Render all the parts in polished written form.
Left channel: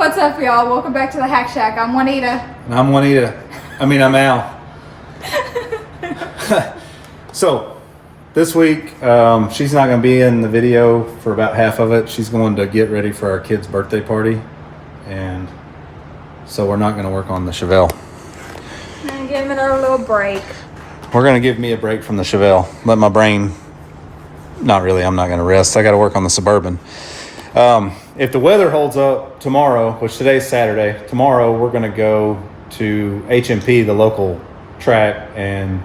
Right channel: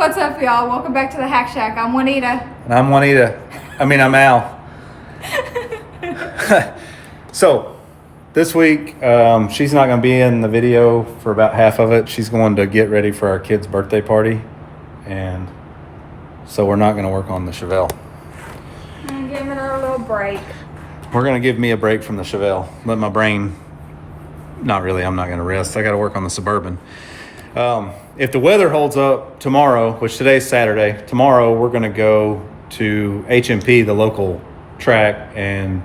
What's up, y'all? Welcome back to the Hack Shack. I'm Juanita. And I'm Juanita. I'm Al. So, this week, she's not going to be in the video for about half of it. She's going to get ready for our kid's birthday party. And so we're not going to work on the Chevelle. Give it our little break. We're going to give me a break from the Chevelle. Let my brain... Not really. I'm not going to rest. I got to work on the Suburban. If the weather holds up tomorrow, which today's Saturday, tomorrow we're going to go to HMP, the local track, and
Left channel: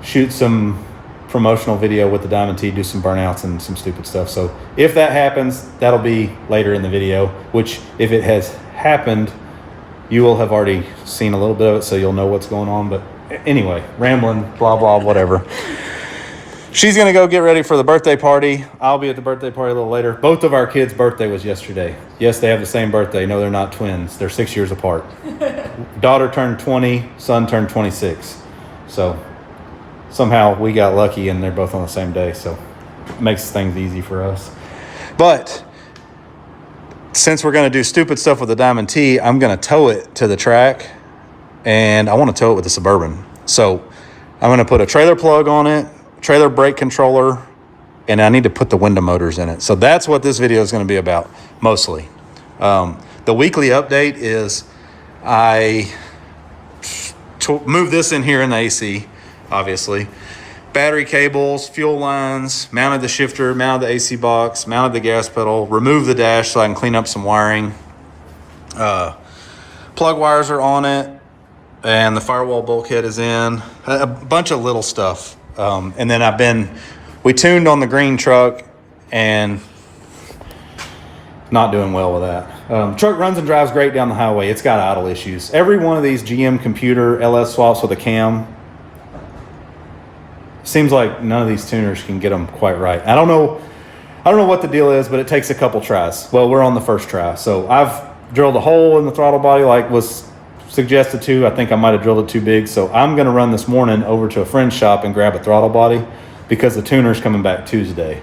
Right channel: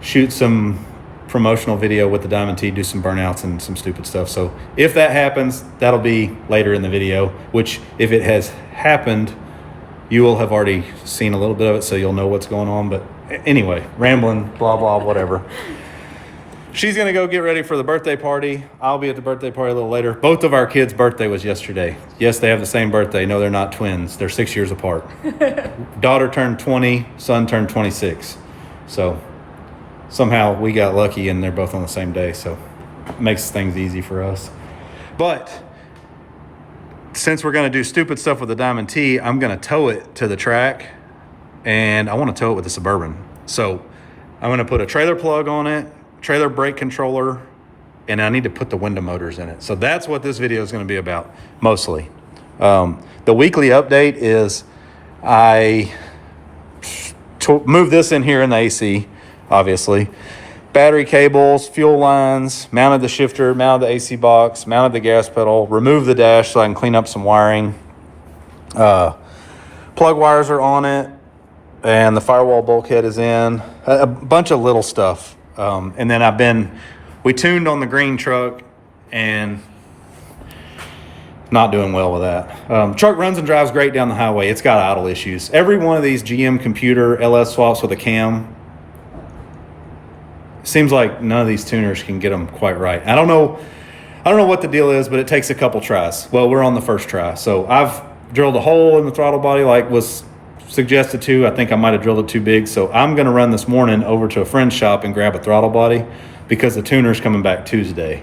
shoot some promotional video with the Diamond T, do some burnouts and some stupid stuff. So if that happens, that'll be later in the video, which if it has happened, you will have already seen a little bit of it, so you'll know what's going on. But anyway, rambling, blah, blah, whatever. She's going to go get ready for the birthday party. I'll be at the birthday party a little later. Both of our kids' birthday was yesterday. Yes, they have the same birthday. No, they're not twins. They're 6 years apart. Daughter turned 20, son turned 26. So somehow we got lucky and they're both on the same day. So it makes things easy for us. But since we're going to do stupid stuff with the Diamond T, I'm going to tow it to the track. And I want to tow it with the Suburban. So I'm going to put a trailer plug on it, trailer brake controller, and I need to put the window motors in it. So that's what this video is going to be about, mostly. The weekly update is I moved this in here in the AC, obviously. Battery cables, fuel lines, mounted the shifter, mounted the AC box, mounted the gas pedal, removed the dash so I can clean up some wiring. Plug wires are on it, and the firewall bulkhead is in. A bunch of little stuff. And then we tuned on the green truck and not doing well with that. Truck runs and drives great down the highway. It's got idle issues. Every one of these GM computer LS swaps with a cam, seems like none of these tuners can get them quite right. I don't know what the deal is, but it takes a couple tries. Well, we're on the first try. So I've drilled a hole in the throttle body like was suggested to. I think I might have drilled it too big. So I'm going to run this morning over to a friend's shop and grab a throttle body because the tuner's coming back Tuesday.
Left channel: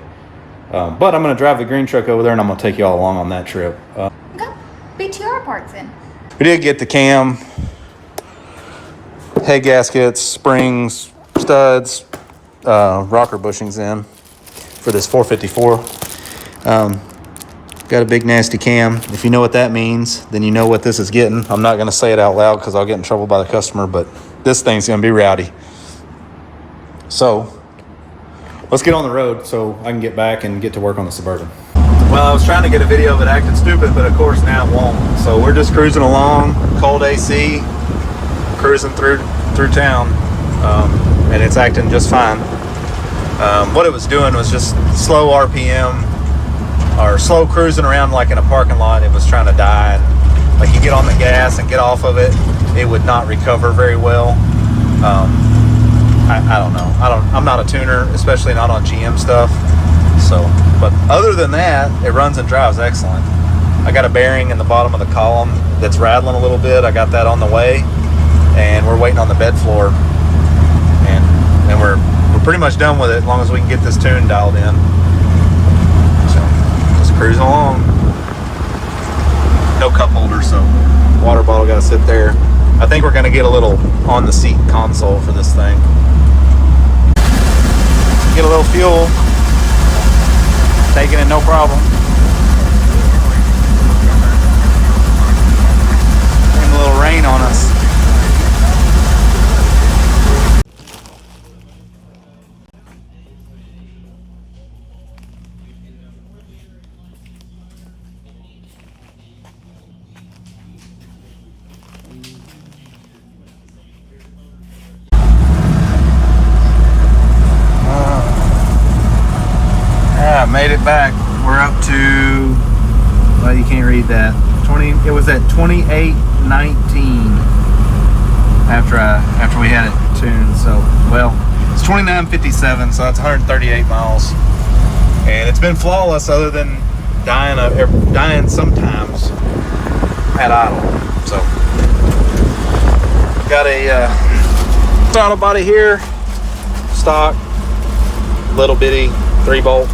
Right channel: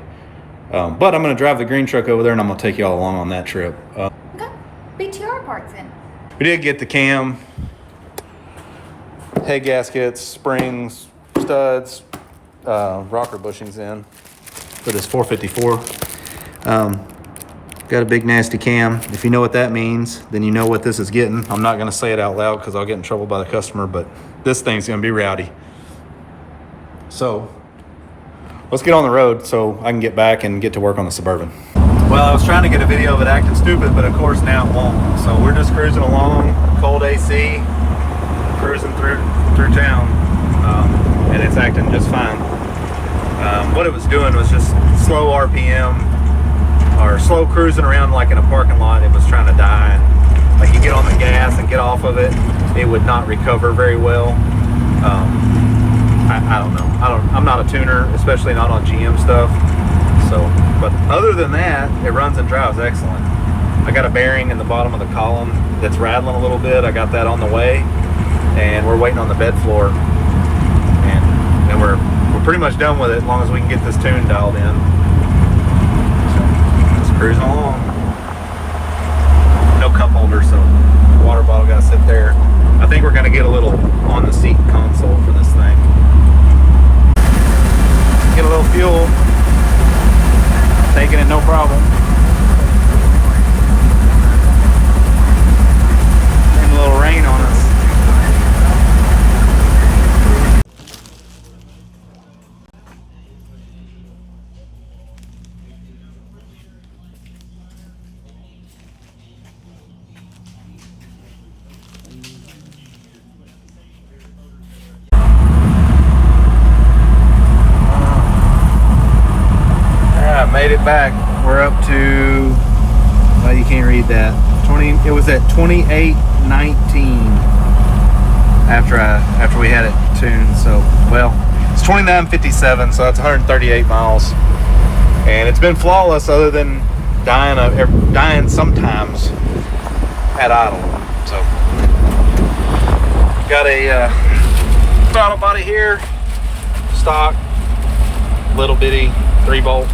But I'm going to drive the green truck over there and I'm going to take you all along on that trip. Got BTR parts in. We did get the cam, head gaskets, springs, studs, rocker bushings in for this 454. Got a big nasty cam. If you know what that means, then you know what this is getting. I'm not going to say it out loud because I'll get in trouble by the customer, but this thing's going to be rowdy. So let's get on the road so I can get back and get to work on the Suburban. Well, I was trying to get a video of it acting stupid, but of course now it won't. So we're just cruising along, cold AC, cruising through town, and it's acting just fine. What it was doing was just slow RPM, or slow cruising around like in a parking lot. It was trying to die, and like you get on the gas and get off of it, it would not recover very well. I don't know. I'm not a tuner, especially not on GM stuff. So, but other than that, it runs and drives excellent. I got a bearing in the bottom of the column that's rattling a little bit. I got that on the way, and we're waiting on the bed floor, and we're pretty much done with it as long as we can get this tune dialed in. Cruising along. No cup holder, so water bottle got to sit there. I think we're going to get a little on the seat console for this thing. Get a little fuel. Taking it no problem. Came a little rain on us. Made it back. We're up to, well, you can't read that. It was at 28.19 after we had it tuned. So, well, it's 29.57, so that's 138 miles, and it's been flawless other than dying sometimes at idle. So, got a throttle body here, stock, little bitty 3-bolt.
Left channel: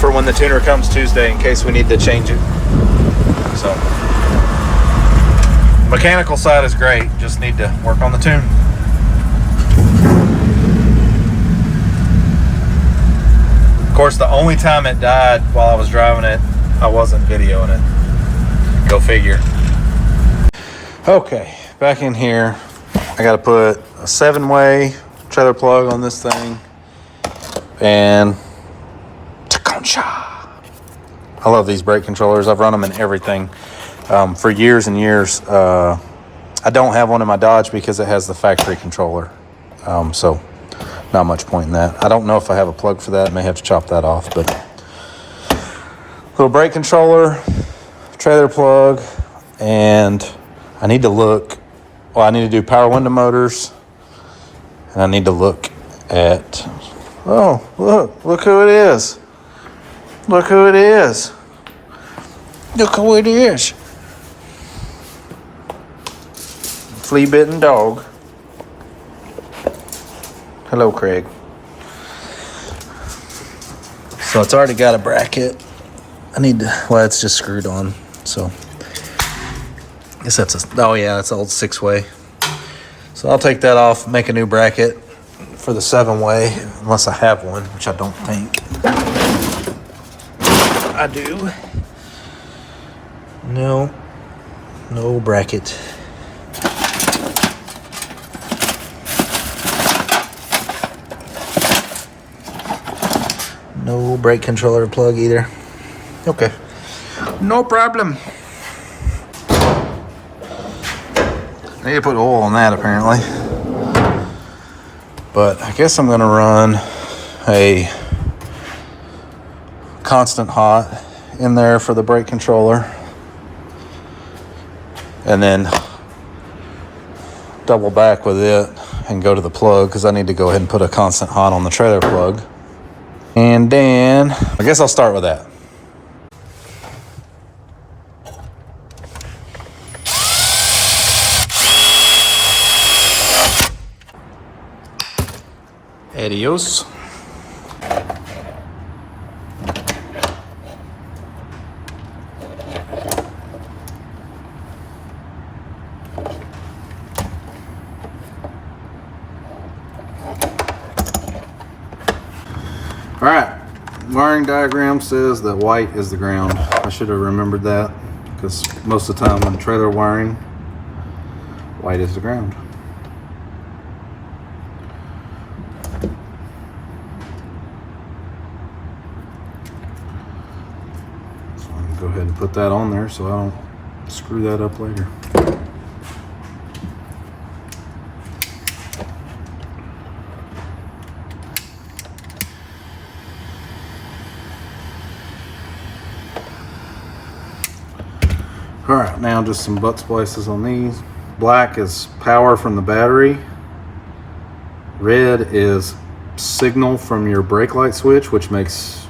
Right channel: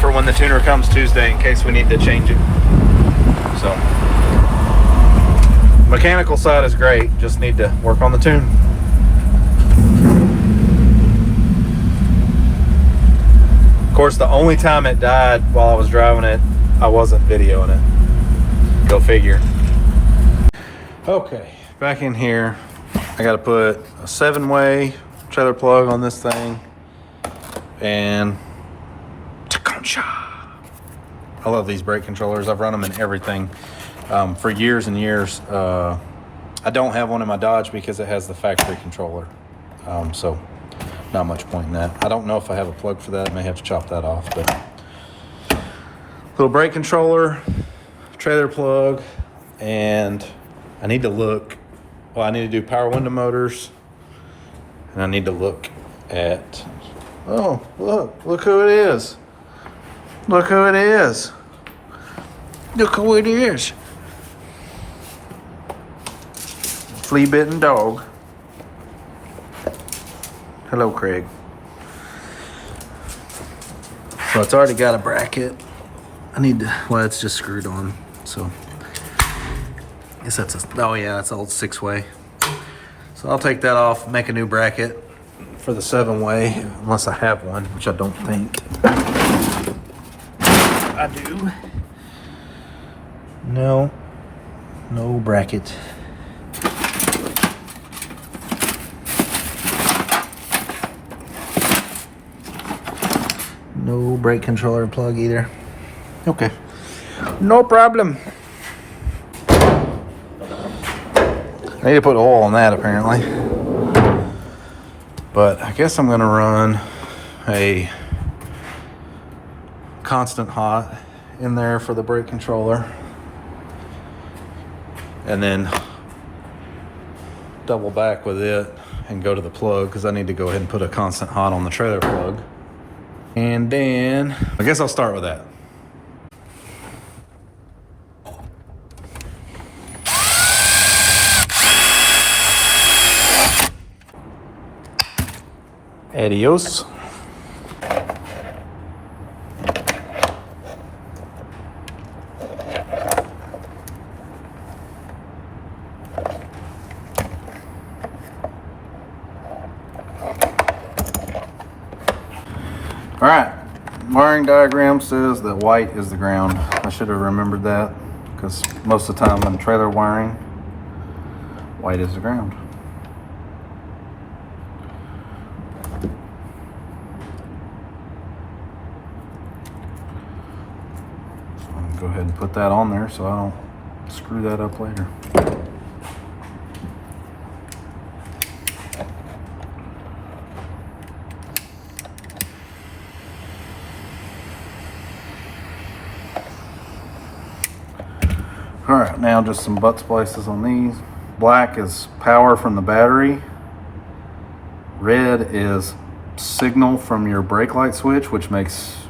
For when the tuner comes Tuesday in case we need to change it. So Mechanical side is great, just need to work on the tune. Of course, the only time it died while I was driving it, I wasn't videoing it. Go figure. Okay, back in here. I gotta put a 7-way trailer plug on this thing. And I love these brake controllers. I've run them in everything for years and years. I don't have one in my Dodge because it has the factory controller. So not much point in that. I don't know if I have a plug for that. I may have to chop that off, but little brake controller, trailer plug, and I need to look. Well, I need to do power window motors, and I need to look at. Oh, look who it is. Look who it is. Look who it is. Flea-bitten dog. Hello, Craig. So it's already got a bracket. I need to, well, it's just screwed on. So I guess that's oh yeah, that's an old 6-way. So I'll take that off, make a new bracket for the 7-way, unless I have one, which I don't think I do. No bracket. No brake controller plug either. Okay, no problem. I need to put oil on that apparently. But I guess I'm gonna run a constant hot in there for the brake controller. And then double back with it and go to the plug because I need to go ahead and put a constant hot on the trailer plug. And then I guess I'll start with that. Adios. All right, wiring diagram says that white is the ground. I should have remembered that because most of the time when trailer wiring, white is the ground. So I'm gonna go ahead and put that on there so I don't screw that up later. All right, now just some butt splices on these. Black is power from the battery. Red is signal from your brake light switch, which makes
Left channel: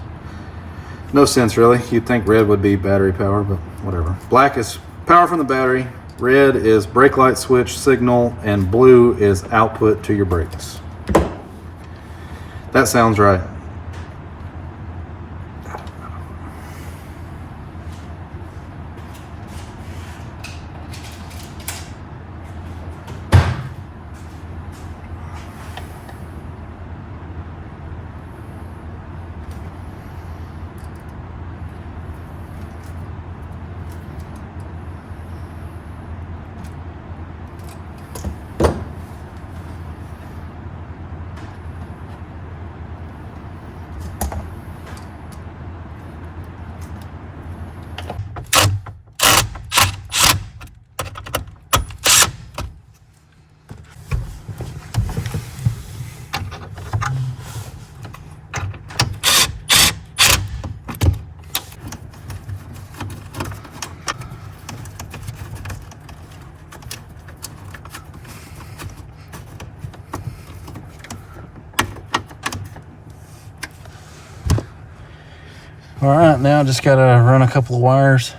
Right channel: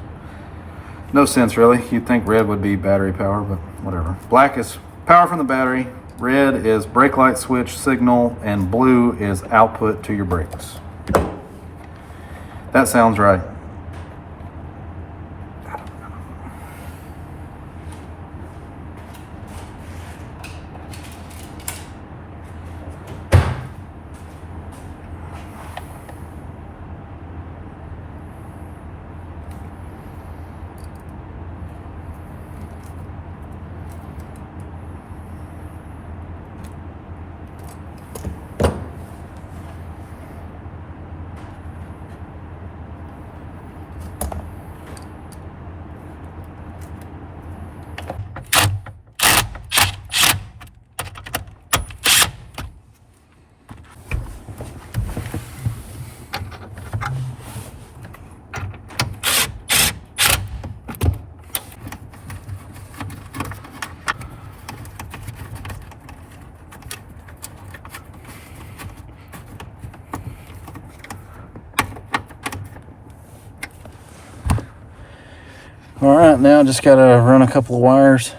no sense really. You'd think red would be battery power, but whatever. Black is power from the battery. Red is brake light switch signal, and blue is output to your brakes. That sounds right. All right, now just gotta run a couple of wires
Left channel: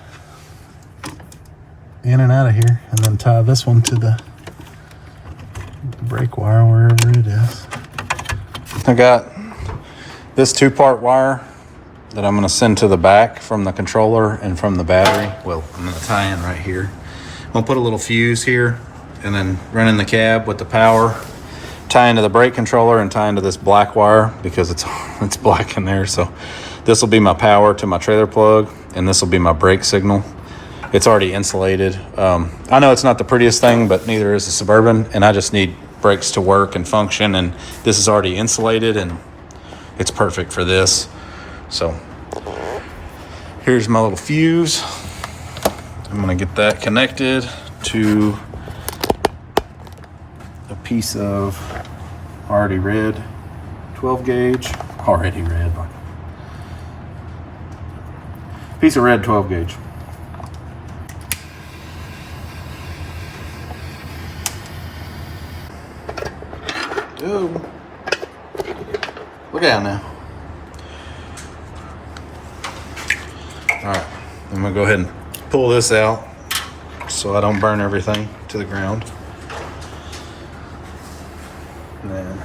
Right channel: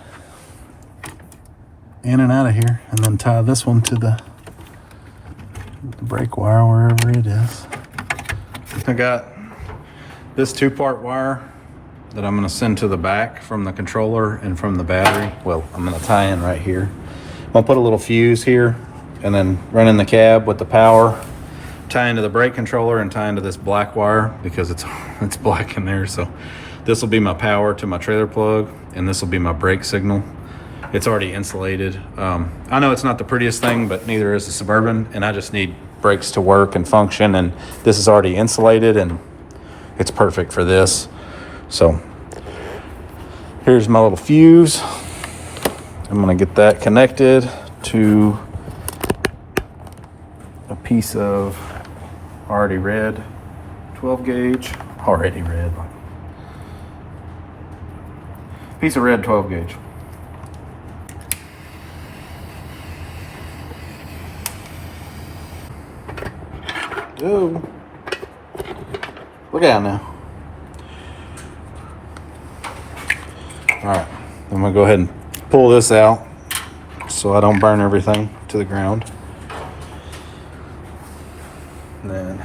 in and out of here and then tie this one to the brake wire wherever it is. I got this 2-part wire that I'm gonna send to the back from the controller and from the battery. Well, I'm gonna tie in right here. gonna put a little fuse here and then run in the cab with the power, tie into the brake controller and tie into this black wire because it's black in there. So this will be my power to my trailer plug, and this will be my brake signal. It's already insulated. I know it's not the prettiest thing, but neither is the Suburban, and I just need brakes to work and function, and this is already insulated and it's perfect for this. So here's my little fuse. I'm gonna get that connected to a piece of already red 12 gauge, already red, like piece of red 12 gauge. Ooh. Look out now. All right, I'm gonna go ahead and pull this out so I don't burn everything to the ground. And then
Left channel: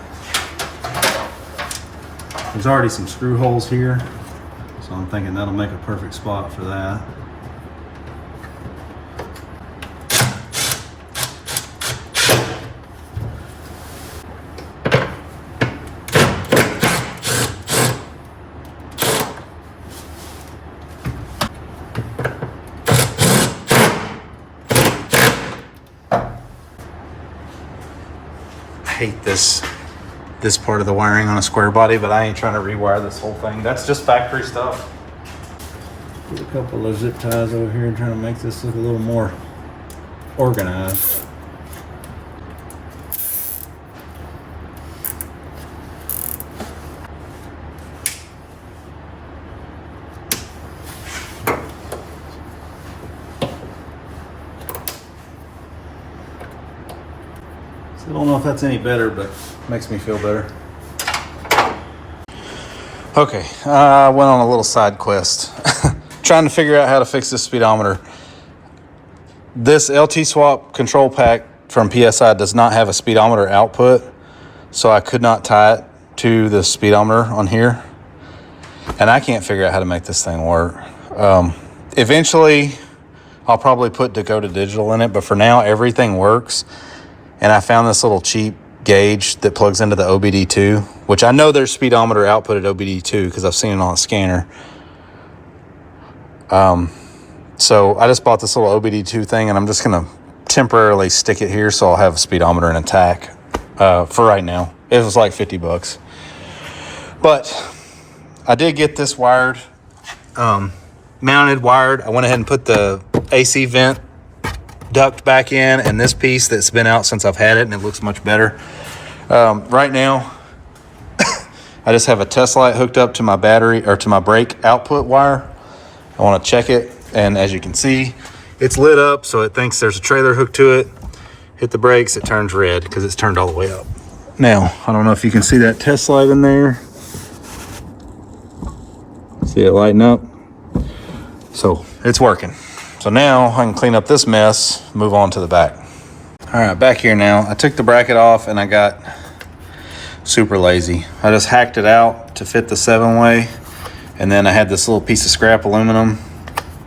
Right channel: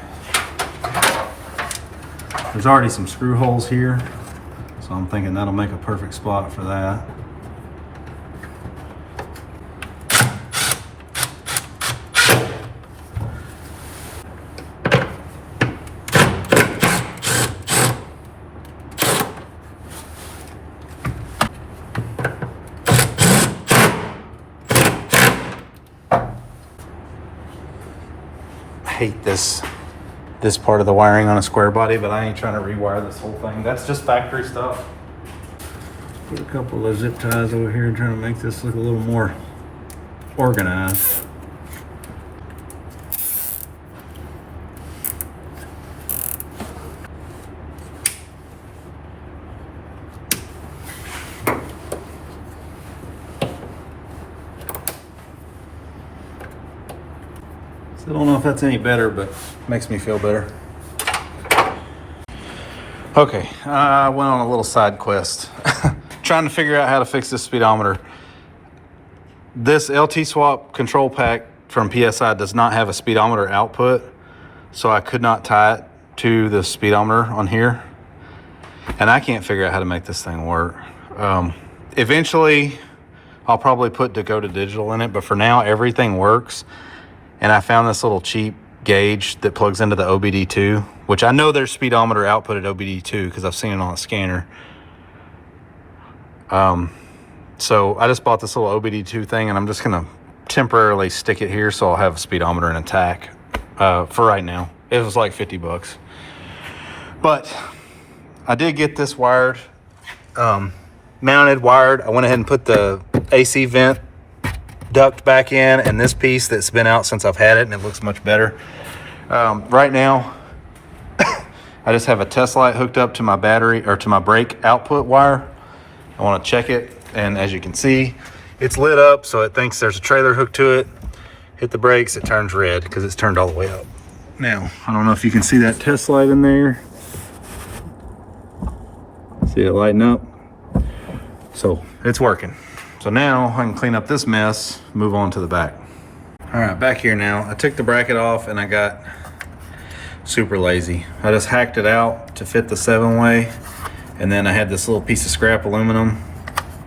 there's already some screw holes here, so I'm thinking that'll make a perfect spot for that. Hate this part of the wiring on a square body, but I ain't trying to rewire this whole thing. That's just factory stuff. Put a couple of zip ties over here, trying to make this look a little more organized. I don't know if that's any better, but makes me feel better. Okay, I went on a little side quest trying to figure out how to fix this speedometer. This lsswap control pack from PSI does not have a speedometer output, so I could not tie it to the speedometer on here, and I can't figure out how to make this thing work. Eventually I'll probably put Dakota Digital in it, but for now everything works. And I found this little cheap gauge that plugs into the OBD2, which I know there's speedometer output at OBD2 because I've seen it on a scanner. So I just bought this little OBD2 thing, and I'm just gonna temporarily stick it here so I'll have a speedometer and a tack for right now. It was like 50 bucks. But I did get this wired, mounted, wired. I went ahead and put the AC vent duct back in, and this piece that's been out since I've had it, and it looks much better. Right now I just have a test light hooked up to my battery, or to my brake output wire. I want to check it, and as you can see, it's lit up, so it thinks there's a trailer hooked to it. Hit the brakes, it turns red because it's turned all the way up. Now I don't know if you can see that test light in there. See it lighting up? So it's working. So now I can clean up this mess, move on to the back. All right, back here now. I took the bracket off and I got super lazy. I just hacked it out to fit the 7-way, and then I had this little piece of scrap aluminum.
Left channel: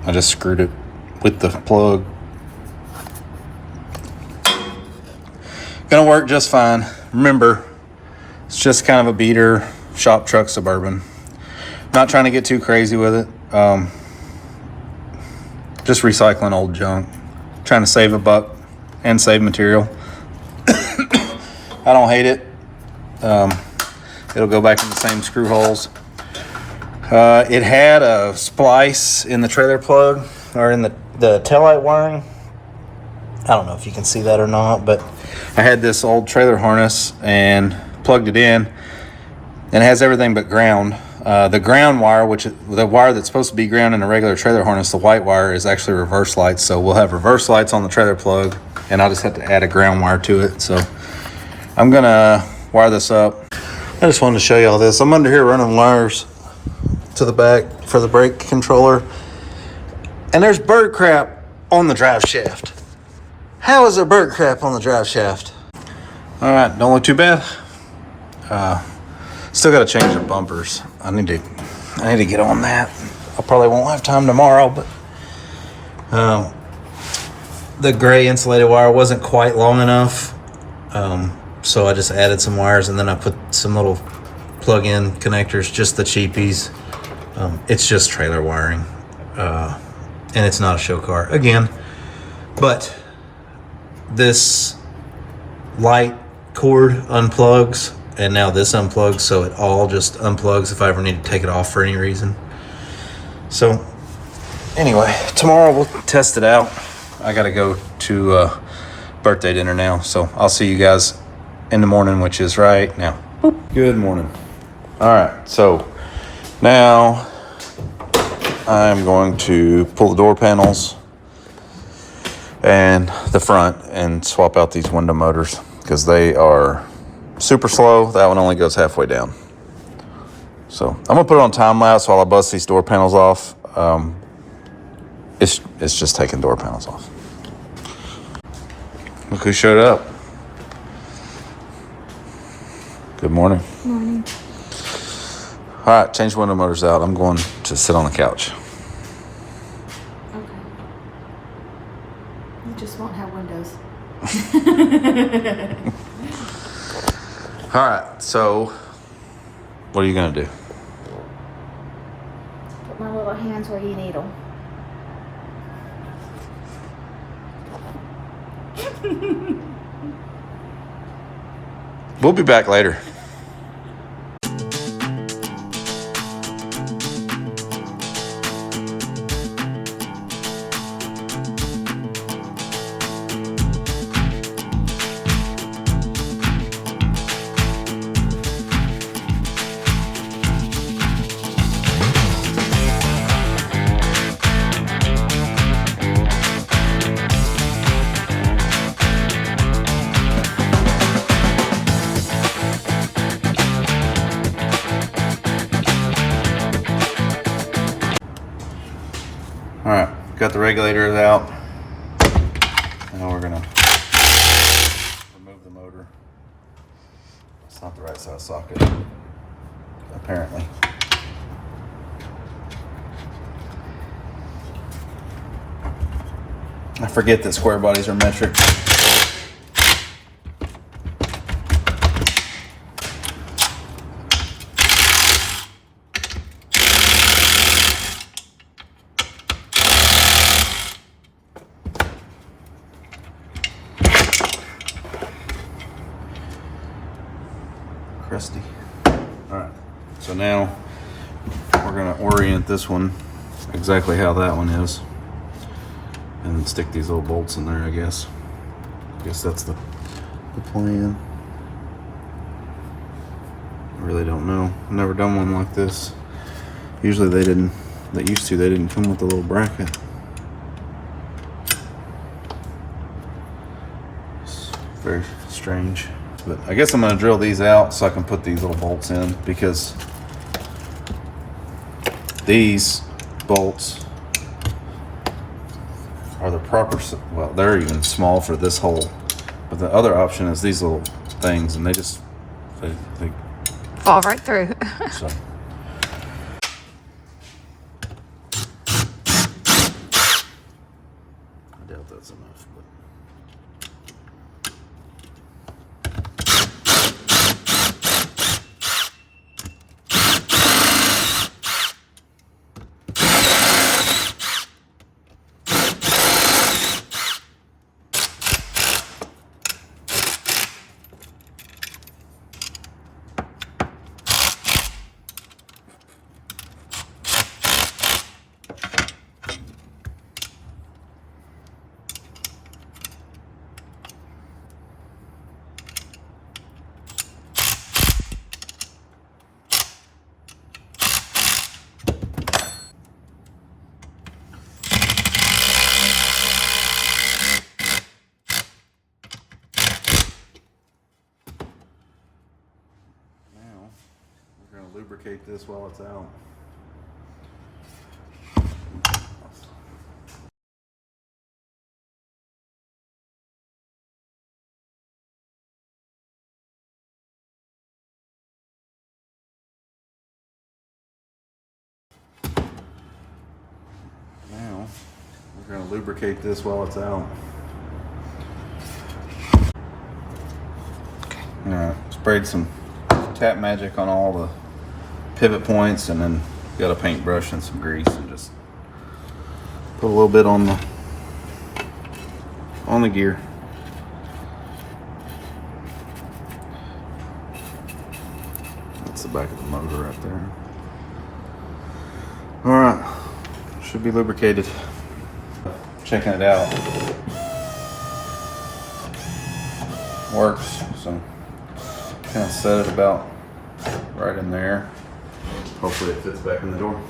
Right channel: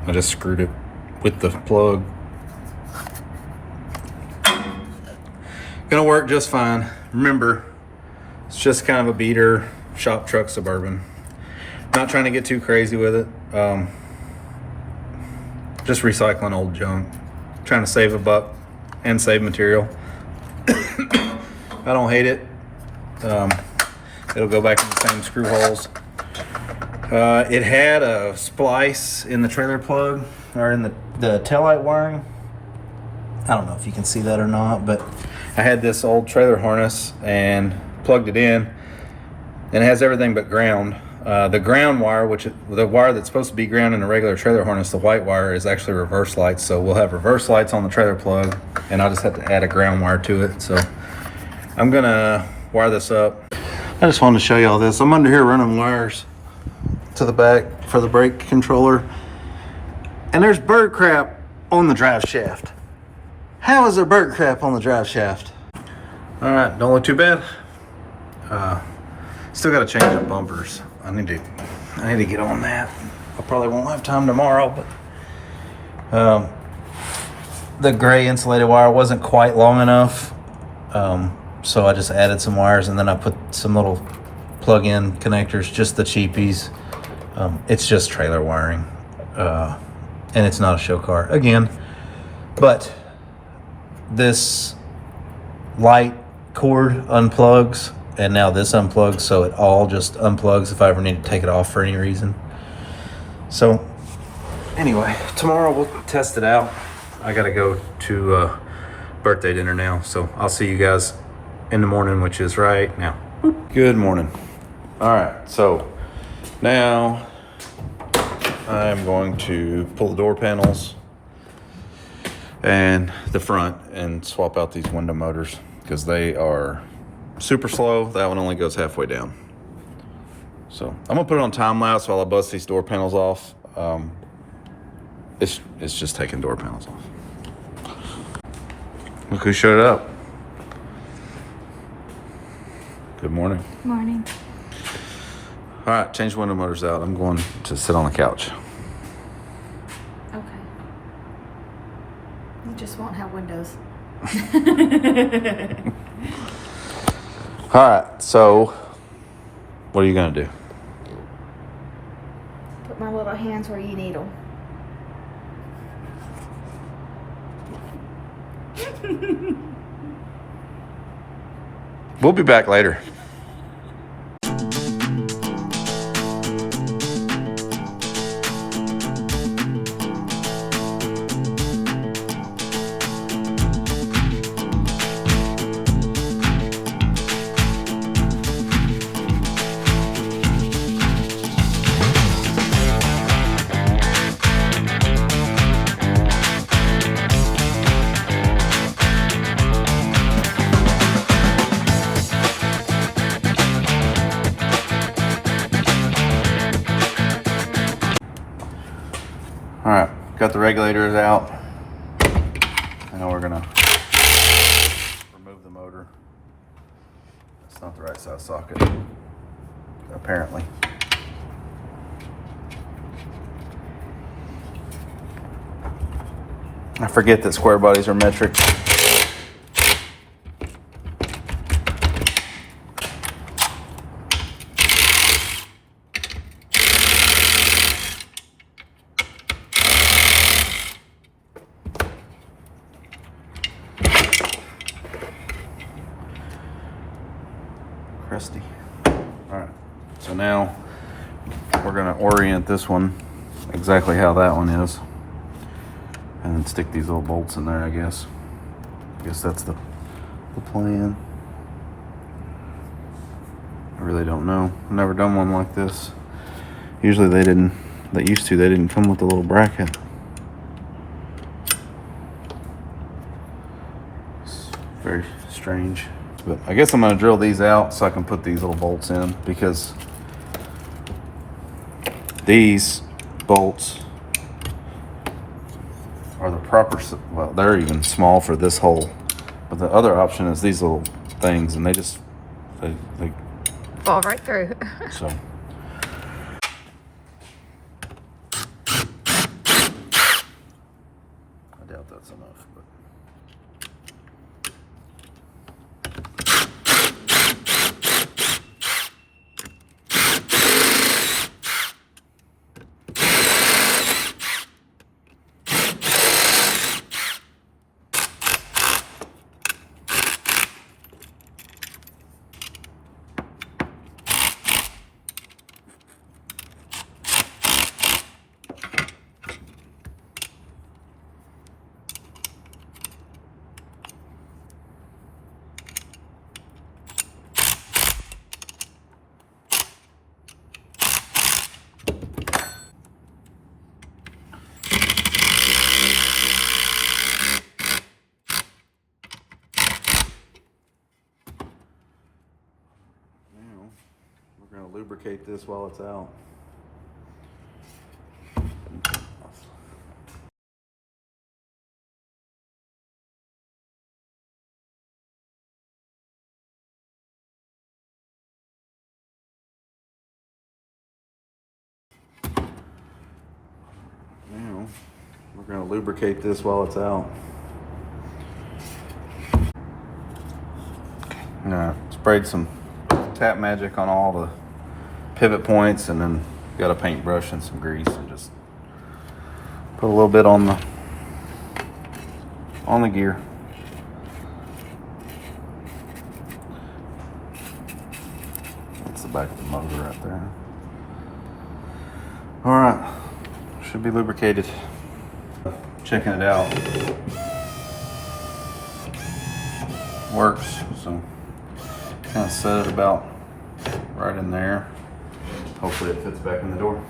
I just screwed it with the plug. Gonna work just fine. Remember, it's just kind of a beater shop truck Suburban. Not trying to get too crazy with it. Just recycling old junk, trying to save a buck and save material. I don't hate it. It'll go back in the same screw holes. It had a splice in the trailer plug, or in the taillight wiring. I don't know if you can see that or not, but I had this old trailer harness and plugged it in, and it has everything but ground. The ground wire, the wire that's supposed to be ground in a regular trailer harness, the white wire, is actually reverse lights. So we'll have reverse lights on the trailer plug, and I'll just have to add a ground wire to it. So I'm gonna wire this up. I just wanted to show you all this. I'm under here running wires to the back for the brake controller, and there's bird crap on the drive shaft. How is there bird crap on the drive shaft? All right, don't look too bad. Still got to change the bumpers. I need to get on that. I probably won't have time tomorrow, but the gray insulated wire wasn't quite long enough. So I just added some wires, and then I put some little plug-in connectors, just the cheapies. It's just trailer wiring, and it's not a show car again. But this light cord unplugs, and now this unplugs, so it all just unplugs if I ever need to take it off for any reason. So anyway, tomorrow we'll test it out. I gotta go to birthday dinner now, so I'll see you guys in the morning, which is right now. Boop. Good morning. All right, so now I'm going to pull the door panels and the front and swap out these window motors because they are super slow. That one only goes halfway down. So I'm gonna put it on time lapse while I bust these door panels off. It's just taking door panels off. Look who showed up. Good morning. Morning. All right, change window motors out. I'm going to sit on the couch. Okay. You just won't have windows. All right, so what are you gonna do? Put my little hands where you need them. We'll be back later. All right, got the regulators out. Now we're gonna remove the motor. It's not the right size socket, apparently. I forget that square bodies are metric. Crusty. All right, so now we're gonna orient this one exactly how that one is, and then stick these little bolts in there. I guess that's the plan. I really don't know. I've never done one like this. Usually they didn't come with a little bracket. It's very strange. But I guess I'm gonna drill these out so I can put these little bolts in, because these bolts are the proper, well, they're even small for this hole. But the other option is these little things, and they Fall right through. so. I doubt that's enough, but. Lubricate this while it's out. Now we're going to lubricate this while it's out. Yeah, sprayed some tap magic on all the pivot points, and then got a paintbrush and some grease and just put a little bit on the gear. That's the back of the motor right there. All right, should be lubricated. Checking it out. Works, so kind of set it about right in there. Hopefully it fits back in the door.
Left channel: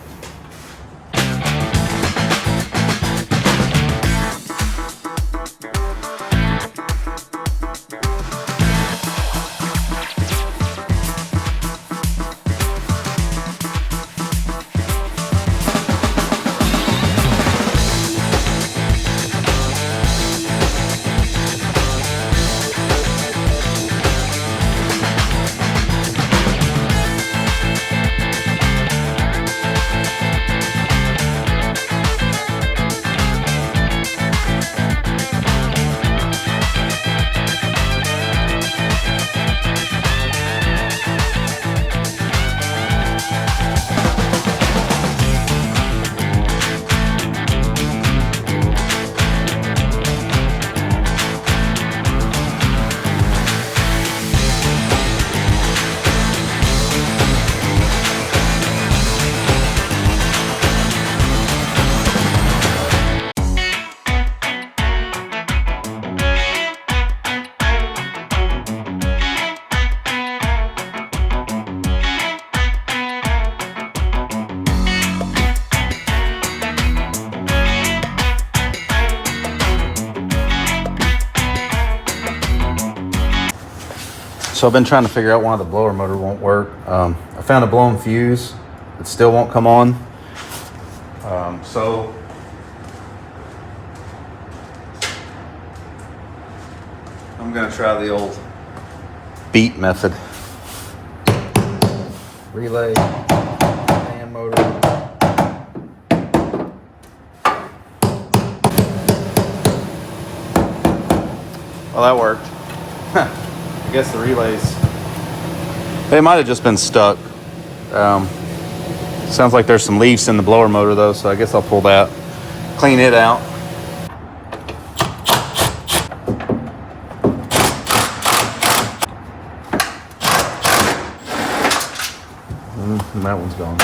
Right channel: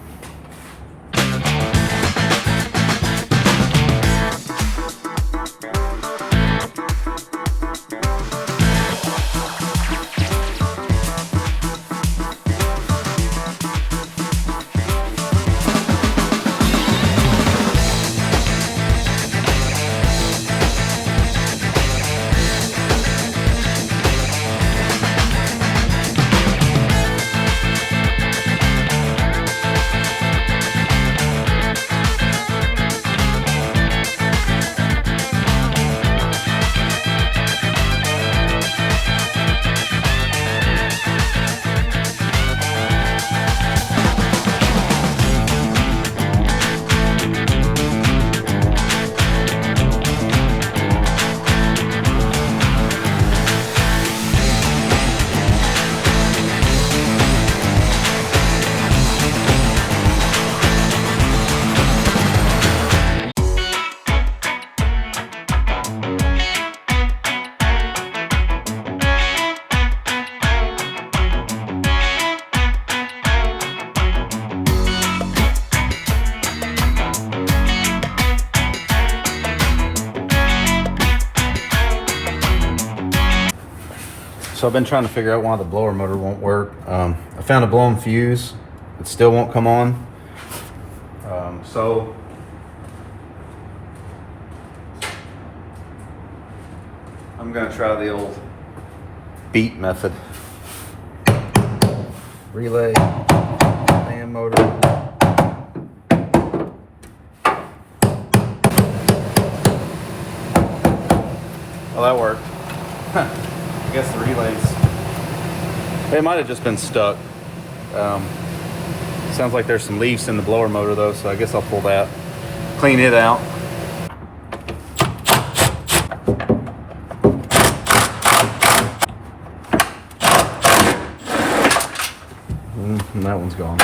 So I've been trying to figure out why the blower motor won't work. I found a blown fuse. It still won't come on. So I'm gonna try the old beat method. Relay and motor. Well, that worked. I guess the relays, they might have just been stuck. Sounds like there's some leaves in the blower motor though, so I guess I'll pull that, clean it out. And that one's gone.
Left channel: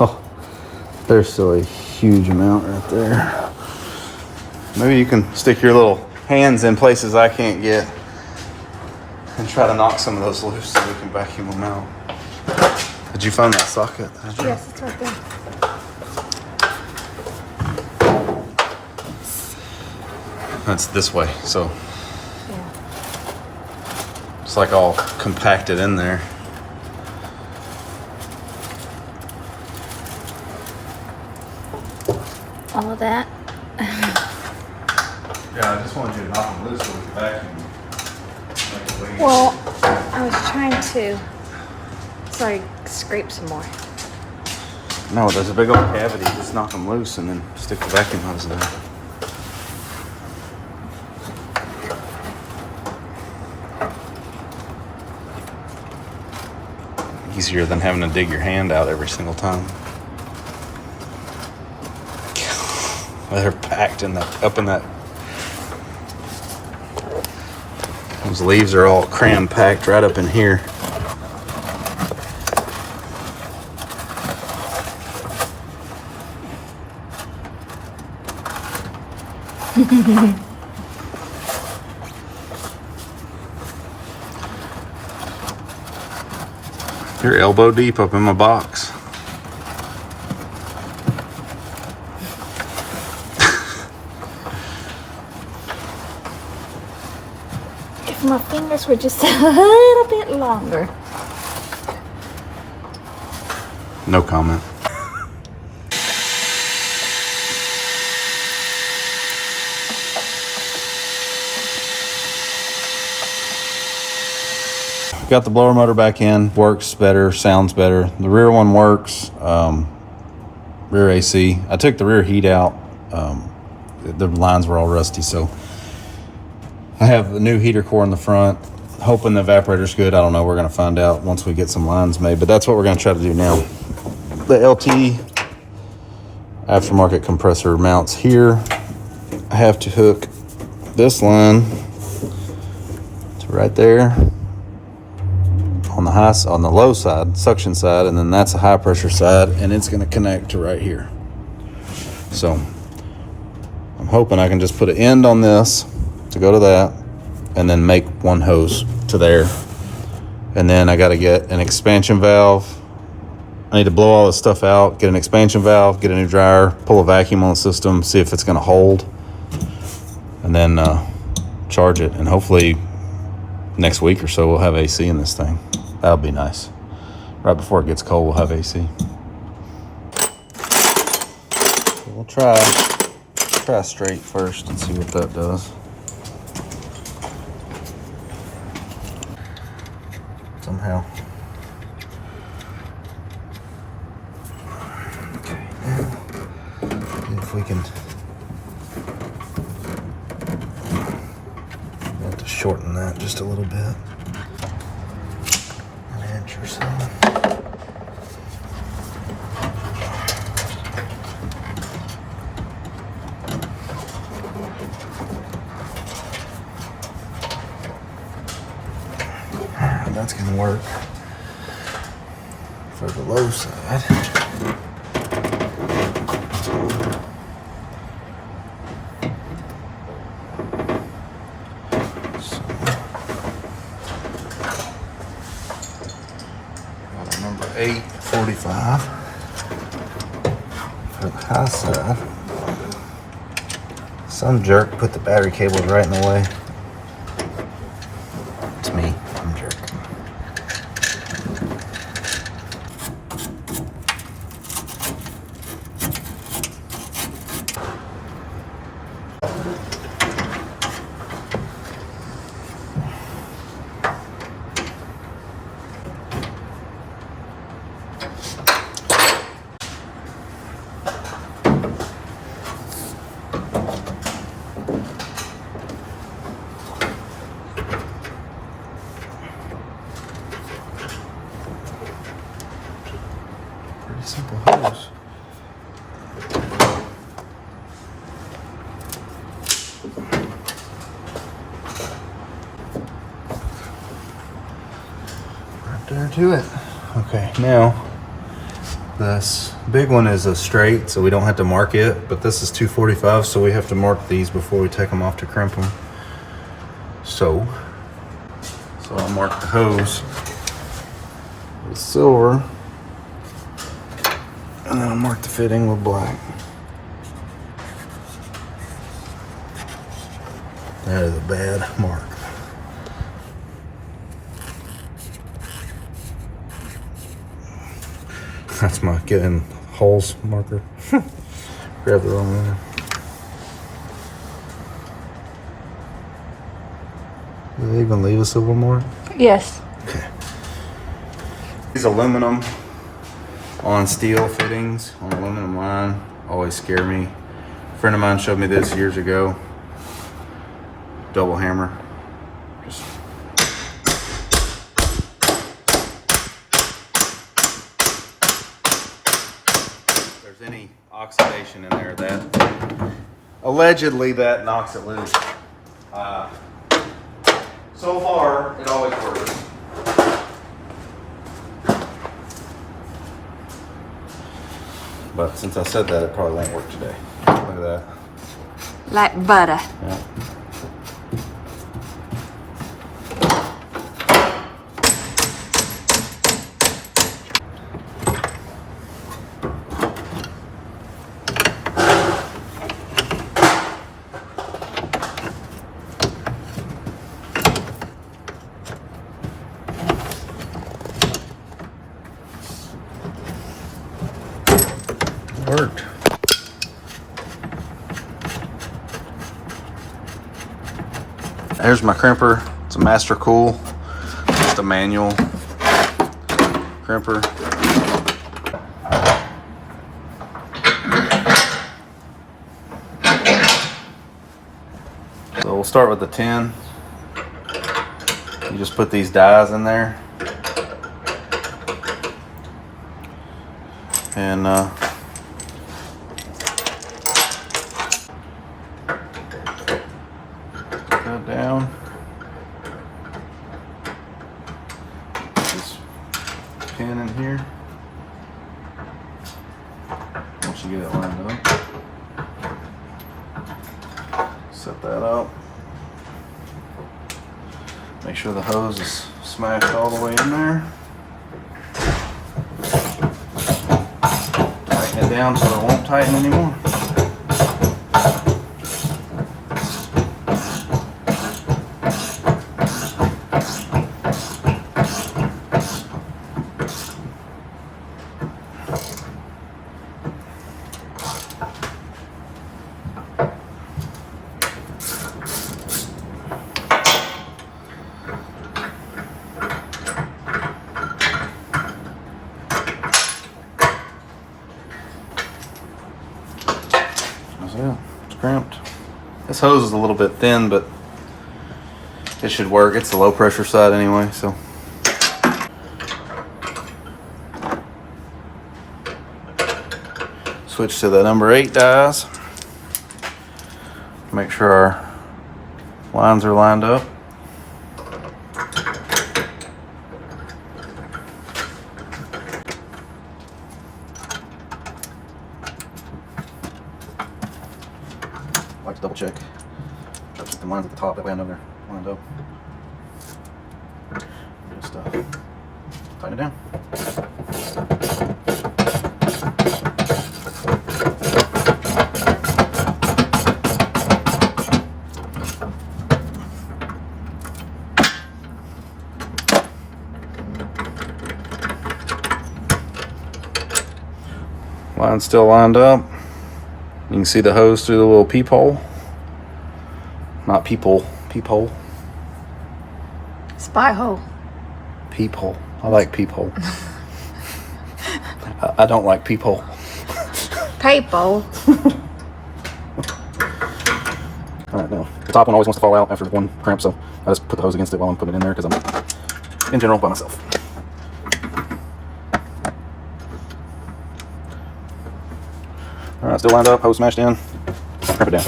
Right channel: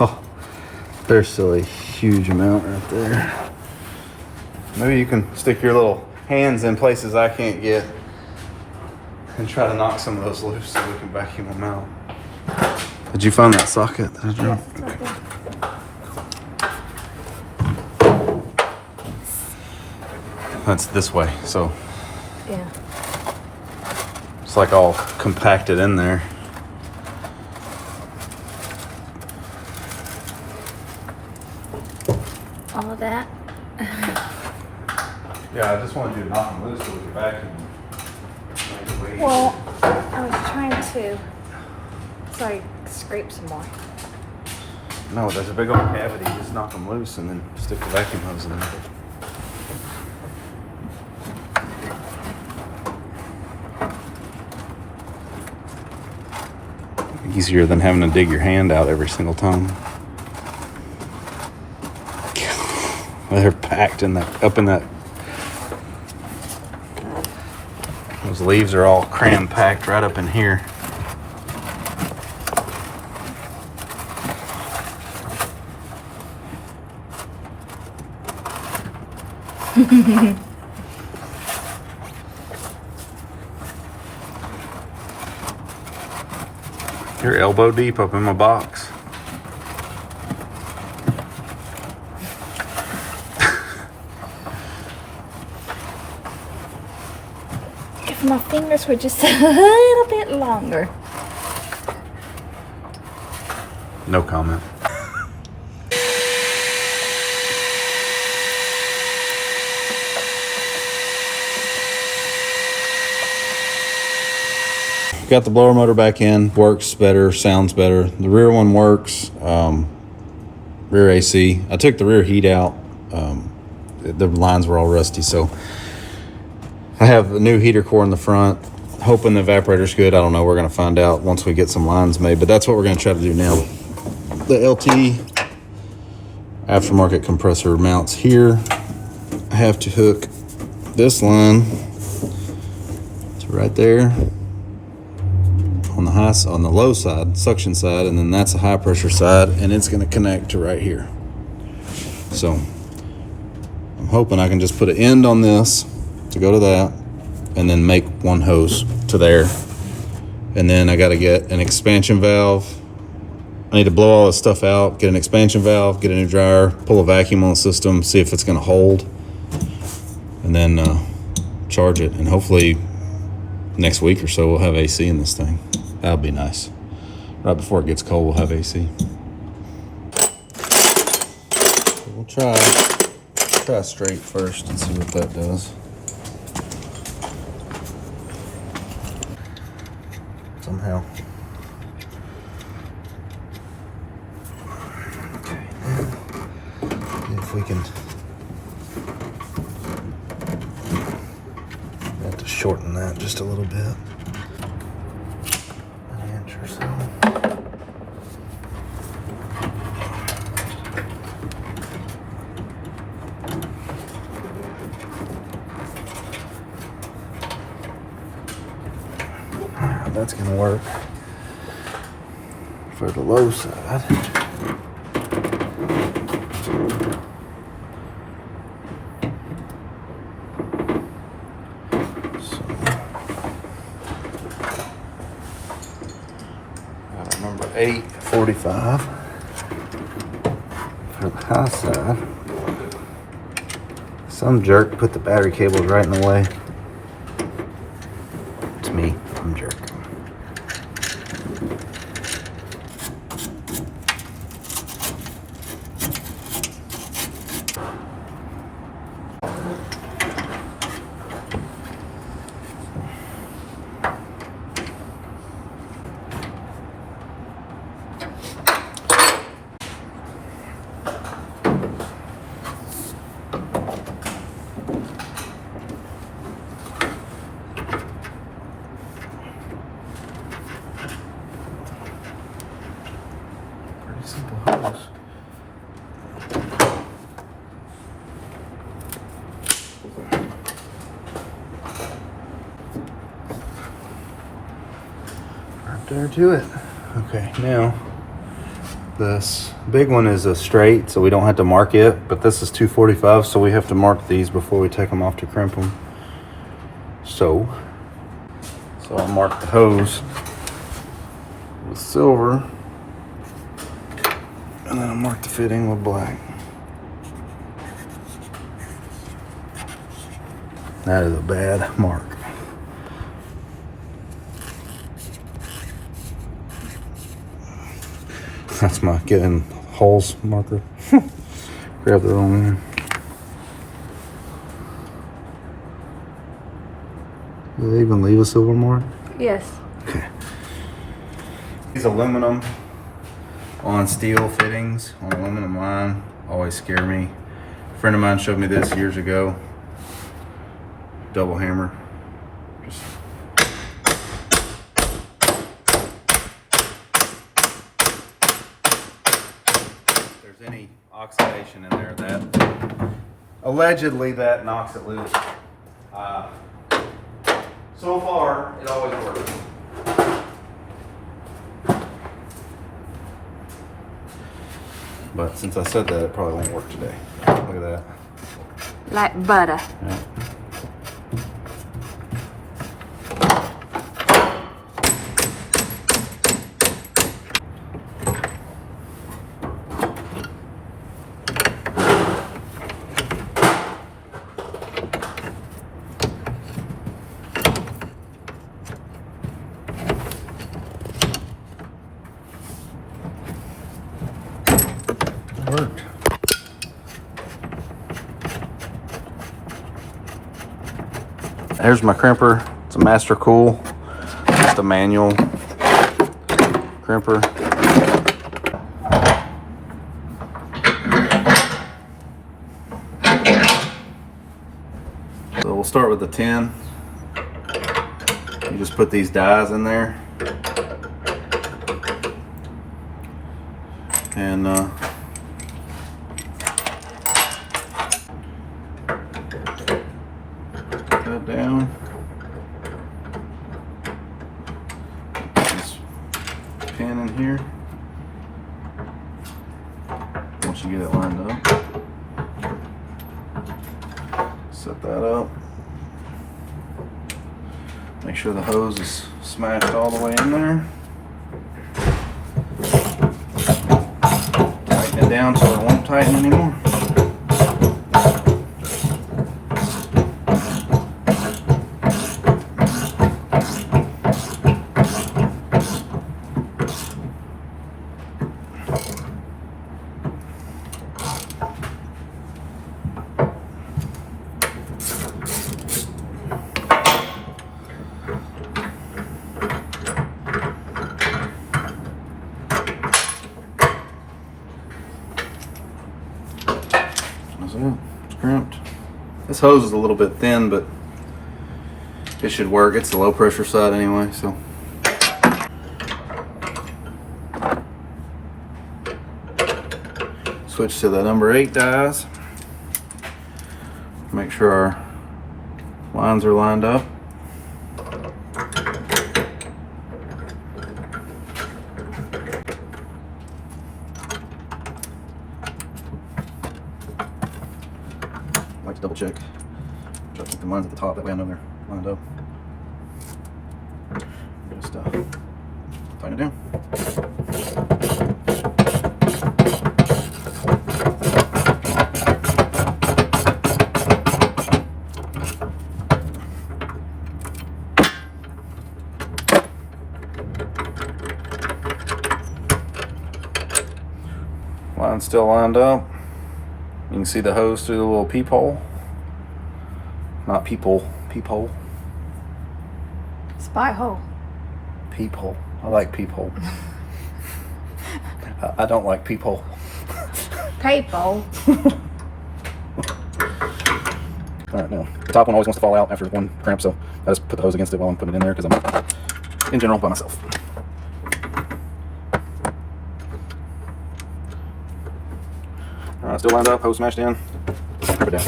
Oh, there's still a huge amount right there. Maybe you can stick your little hands in places I can't get and try to knock some of those loose so we can vacuum them out. Did you find that socket? Did you? Yes, it's right there. That's this way, so Yeah. it's like all compacted in there. All of that. Yeah, I just wanted you to knock them loose so we could vacuum them. Well, I was trying to, so I scrape some more. No, there's a big old cavity. Just knock them loose and then stick the vacuum hose in there. Easier than having to dig your hand out every single time. They're packed in the up in that. Those leaves are all cram packed right up in here. You're elbow deep up in my box. If my fingers were just a little bit longer. No comment. got the blower motor back in. Works better, sounds better. The rear one works. Rear AC. I took the rear heat out. The lines were all rusty, so I have a new heater core in the front. Hoping the evaporator's good. I don't know. We're going to find out once we get some lines made, but that's what we're going to try to do now. The LT aftermarket compressor mounts here. I have to hook this line to right there on the low side, suction side, and then that's a high pressure side, and it's going to connect to right here. So I'm hoping I can just put an end on this to go to that, and then make one hose to there. And then I got to get an expansion valve. I need to blow all this stuff out, get an expansion valve, get a new dryer, pull a vacuum on the system, see if it's going to hold, and then charge it. And hopefully next week or so we'll have AC in this thing. That'll be nice. Right before it gets cold, we'll have AC. So we'll try straight first and see what that does. Somehow. Okay, now if we can, we have to shorten that just a little bit, an inch or so. That's gonna work for the low side. So, number 845 for the high side. Some jerk put the battery cables right in the way. It's me, I'm a jerk. Simple hose. Right there to it. Okay, now this big one is a straight, so we don't have to mark it, but this is 245, so we have to mark these before we take them off to crimp them. So I'll mark the hose with silver. And then I'll mark the fitting with black. That is a bad mark. That's my getting holes marker. Grab the wrong one. Do they even leave a silver mark? Yes. Okay. These aluminum on steel fittings on aluminum line always scare me. A friend of mine showed me this years ago. Double hammer. Just if there's any oxidation in there, that allegedly that knocks it loose. So far, it always works. But since I said that, it probably won't work today. Look at that. Like butter. Yeah. Worked. There's my crimper. It's a Master Cool. It's just a manual crimper. So we'll start with the 10. You just put these dies in there. And that down. Put this pin in here. Once you get it lined up, set that up. Make sure the hose is smashed all the way in there. Tighten it down so it won't tighten anymore. That's it. It's crimped. This hose is a little bit thin, but it should work. It's the low pressure side anyway, so. Switch to the number 8 dies. Make sure our lines are lined up. I like to double check. Try to keep the lines at the top, that way I know they're lined up. Just tighten it down. Line's still lined up. You can see the hose through the little peephole. Not peephole, peephole. Spy hole. Peephole. I like peephole. I don't like peephole. Peephole. Alright, now, the top one always wants to fall out after one cramp, so I just put the hose against it while I'm putting it in there because I'm, in general, by myself. Alright, still lined up, hose smashed in. Put it down.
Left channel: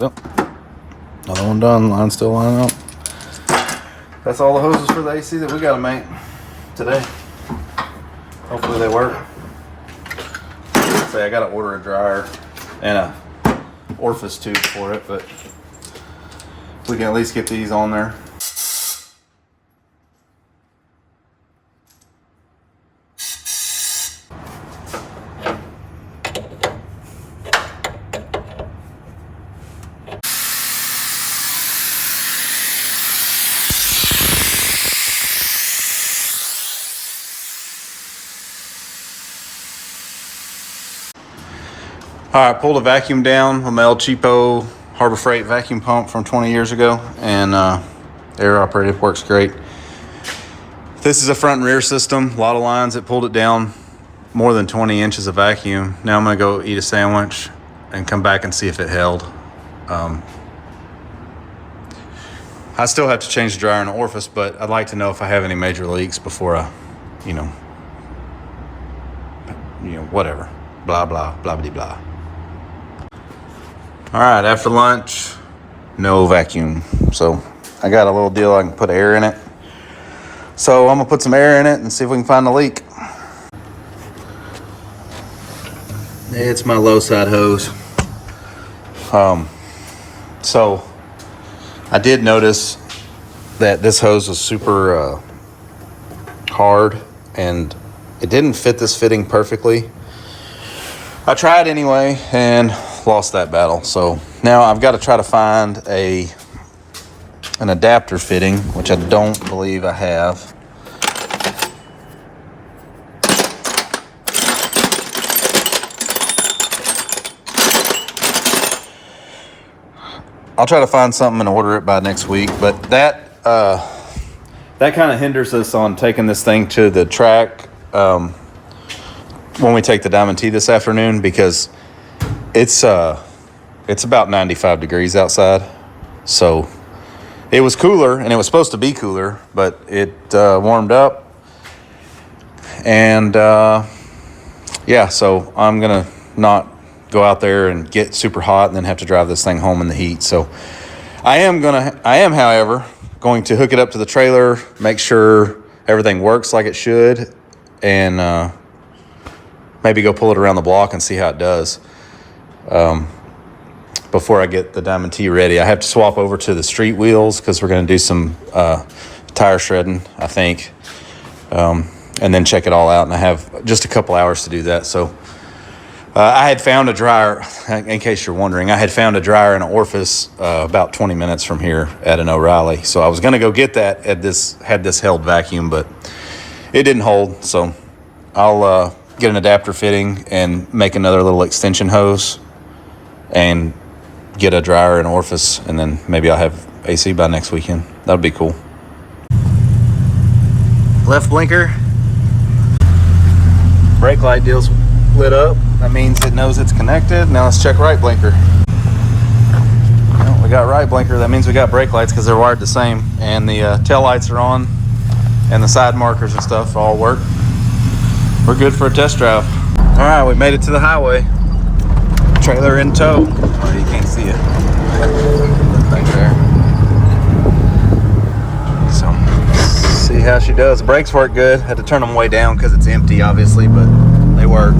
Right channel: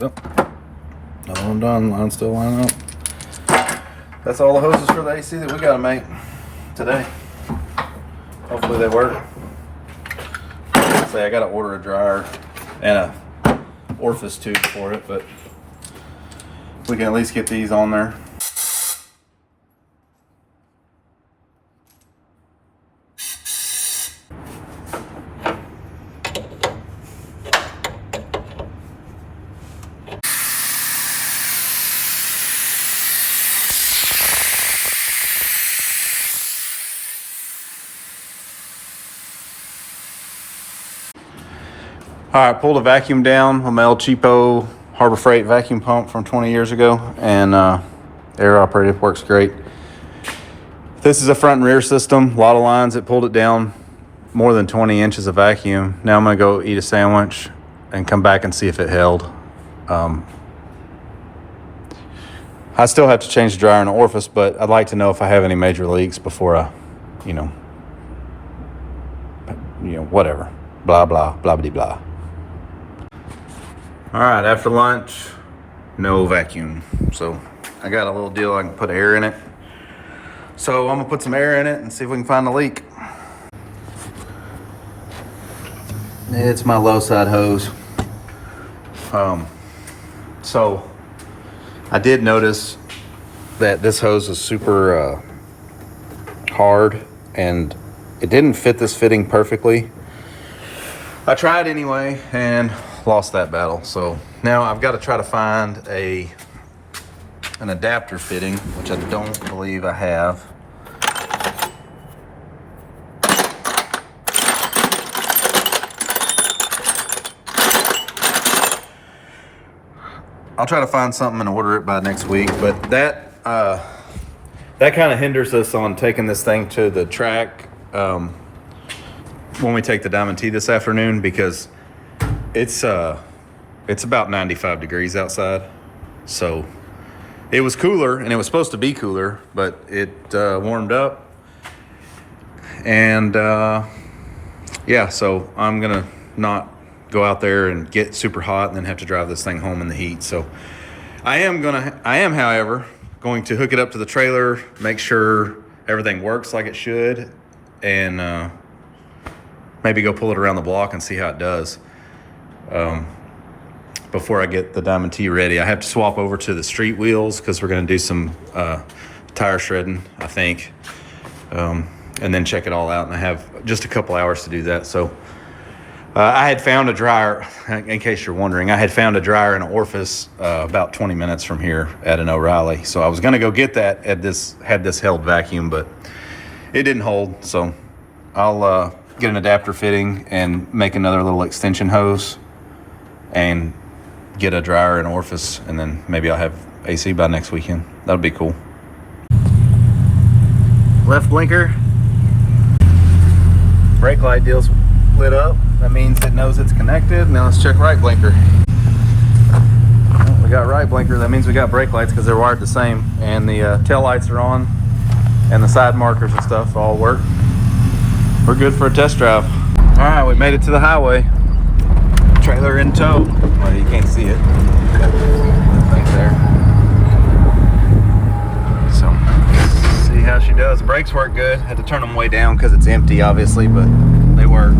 Yep. Another one done, line's still lining up. That's all the hoses for the AC that we gotta make today. Hopefully they work. I gotta order a dryer and a orifice tube for it, but we can at least get these on there. All right, pulled a vacuum down with my El Cheapo Harbor Freight vacuum pump from 20 years ago, and air operated, works great. This is a front and rear system, a lot of lines. It pulled it down more than 20 inches of vacuum. Now I'm gonna go eat a sandwich and come back and see if it held. I still have to change the dryer and the orifice, but I'd like to know if I have any major leaks before I, you know, whatever, blah, blah, blah, blah, blah. All right, after lunch, no vacuum. So I got a little deal, I can put air in it. So I'm gonna put some air in it and see if we can find the leak. It's my low side hose. So I did notice that this hose was super hard and it didn't fit this fitting perfectly. I tried anyway and lost that battle. So now I've got to try to find a an adapter fitting, which I don't believe I have. I'll try to find something and order it by next week, but that kind of hinders us on taking this thing to the track when we take the Diamond T this afternoon, because it's about 95 degrees outside. So it was cooler, and it was supposed to be cooler, but it warmed up. And yeah, so I'm gonna not go out there and get super hot and then have to drive this thing home in the heat. So I am, however, going to hook it up to the trailer, make sure everything works like it should, and maybe go pull it around the block and see how it does before I get the Diamond T ready. I have to swap over to the street wheels because we're going to do some tire shredding, I think, and then check it all out. And I have just a couple hours to do that. So I had found a dryer, in case you're wondering, I had found a dryer in an orifice about 20 minutes from here at an O'Reilly. So I was going to go get that had this held vacuum, but it didn't hold. So I'll get an adapter fitting and make another little extension hose and get a dryer in an orifice, and then maybe I'll have AC by next weekend. That would be cool. Left blinker. Brake light deal's lit up. That means it knows it's connected. Now let's check right blinker. Well, we got right blinker. That means we got brake lights because they're wired the same. And the tail lights are on, and the side markers and stuff all work. We're good for a test drive. All right, we made it to the highway. Trailer in tow. Well, you can't see it. It's back there. So, see how she does. The brakes work good. Had to turn them way down because it's empty, obviously, but they work.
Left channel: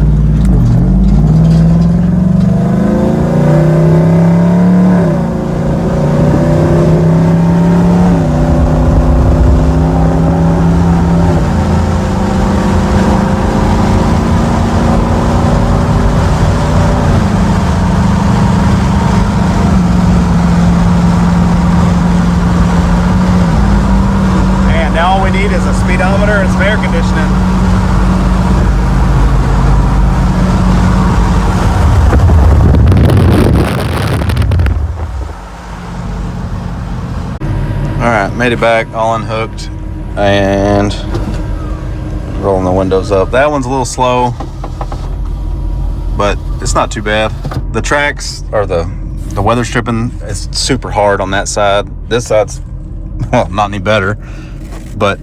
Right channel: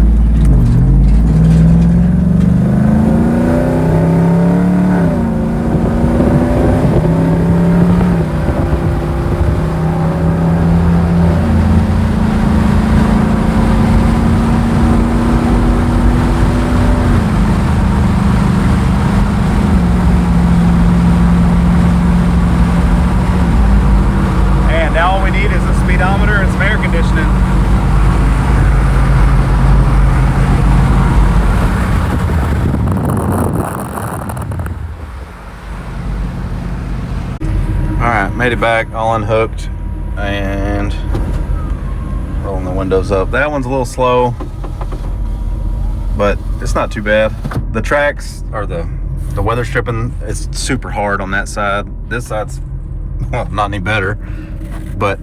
Now all we need is a speedometer and some air conditioning. All right, made it back, all unhooked, and rolling the windows up. That one's a little slow, but it's not too bad. The tracks, or the weather stripping, is super hard on that side. This side's, well, not any better. But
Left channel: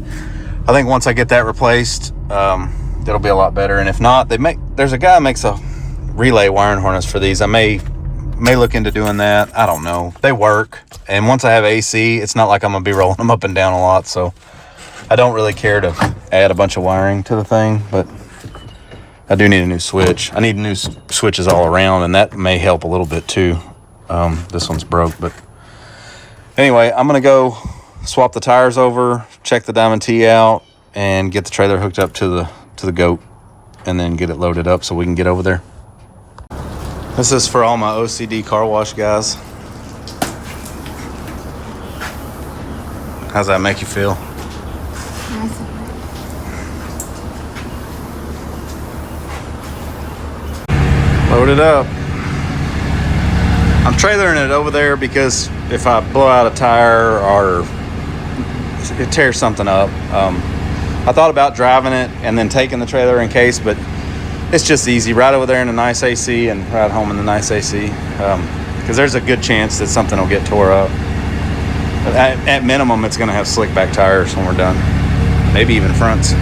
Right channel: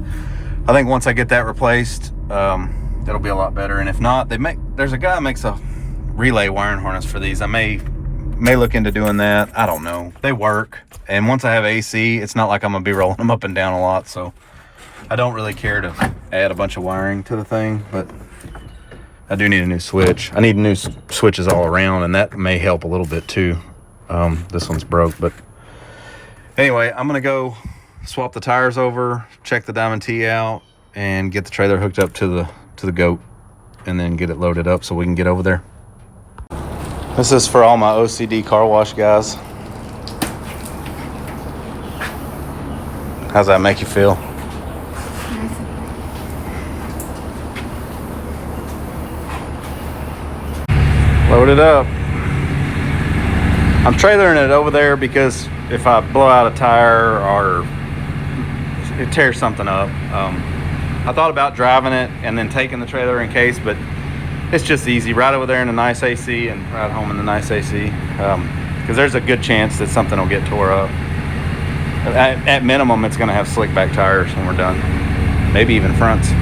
I think once I get that replaced, that'll be a lot better. And if not, there's a guy that makes a relay wiring harness for these. I may look into doing that. I don't know. They work. And once I have AC, it's not like I'm gonna be rolling them up and down a lot. So I don't really care to add a bunch of wiring to the thing, but I do need a new switch. I need new switches all around, and that may help a little bit too. This one's broke, but anyway, I'm gonna go swap the tires over, check the Diamond T out, and get the trailer hooked up to the goat, and then get it loaded up so we can get over there. This is for all my OCD car wash guys. How's that make you feel? Load it up. I'm trailering it over there because if I blow out a tire or it tears something up, I thought about driving it and then taking the trailer in case, but it's just easy. Right over there in a nice AC and right home in the nice AC, because there's a good chance that something will get tore up. At minimum, it's going to have slick back tires when we're done, maybe even fronts.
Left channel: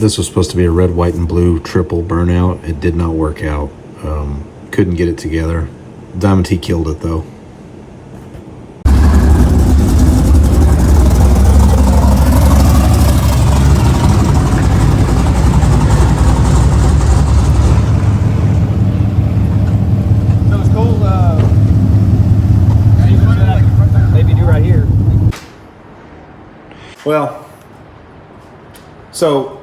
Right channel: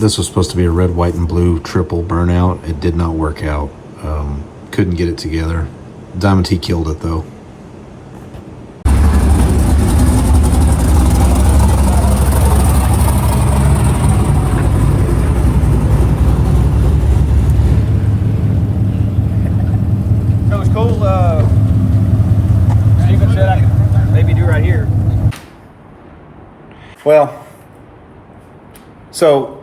This was supposed to be a red, white, and blue triple burnout. It did not work out. Couldn't get it together. Diamond T killed it though. Well, so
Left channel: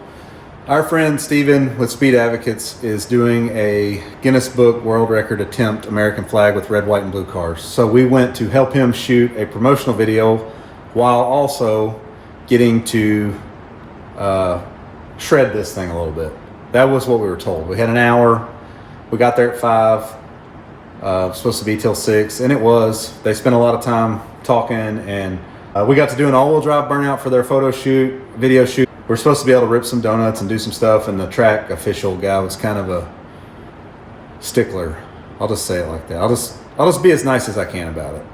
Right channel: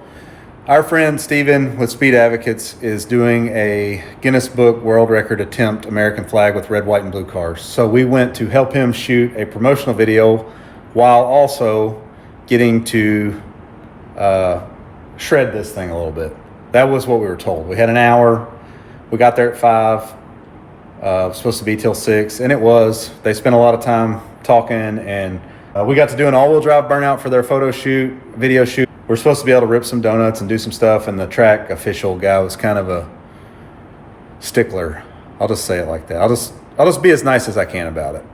our friend Steven with Speed Advocates is doing a Guinness Book World Record attempt American flag with red, white, and blue cars. So we went to help him shoot a promotional video while also getting to shred this thing a little bit. That was what we were told. We had an hour. We got there at 5. It was supposed to be till 6, and it was. They spent a lot of time talking, and we got to do an all-wheel drive burnout for their photo shoot, video shoot. We're supposed to be able to rip some donuts and do some stuff, and the track official guy was kind of a stickler. I'll just say it like that. I'll just be as nice as I can about it.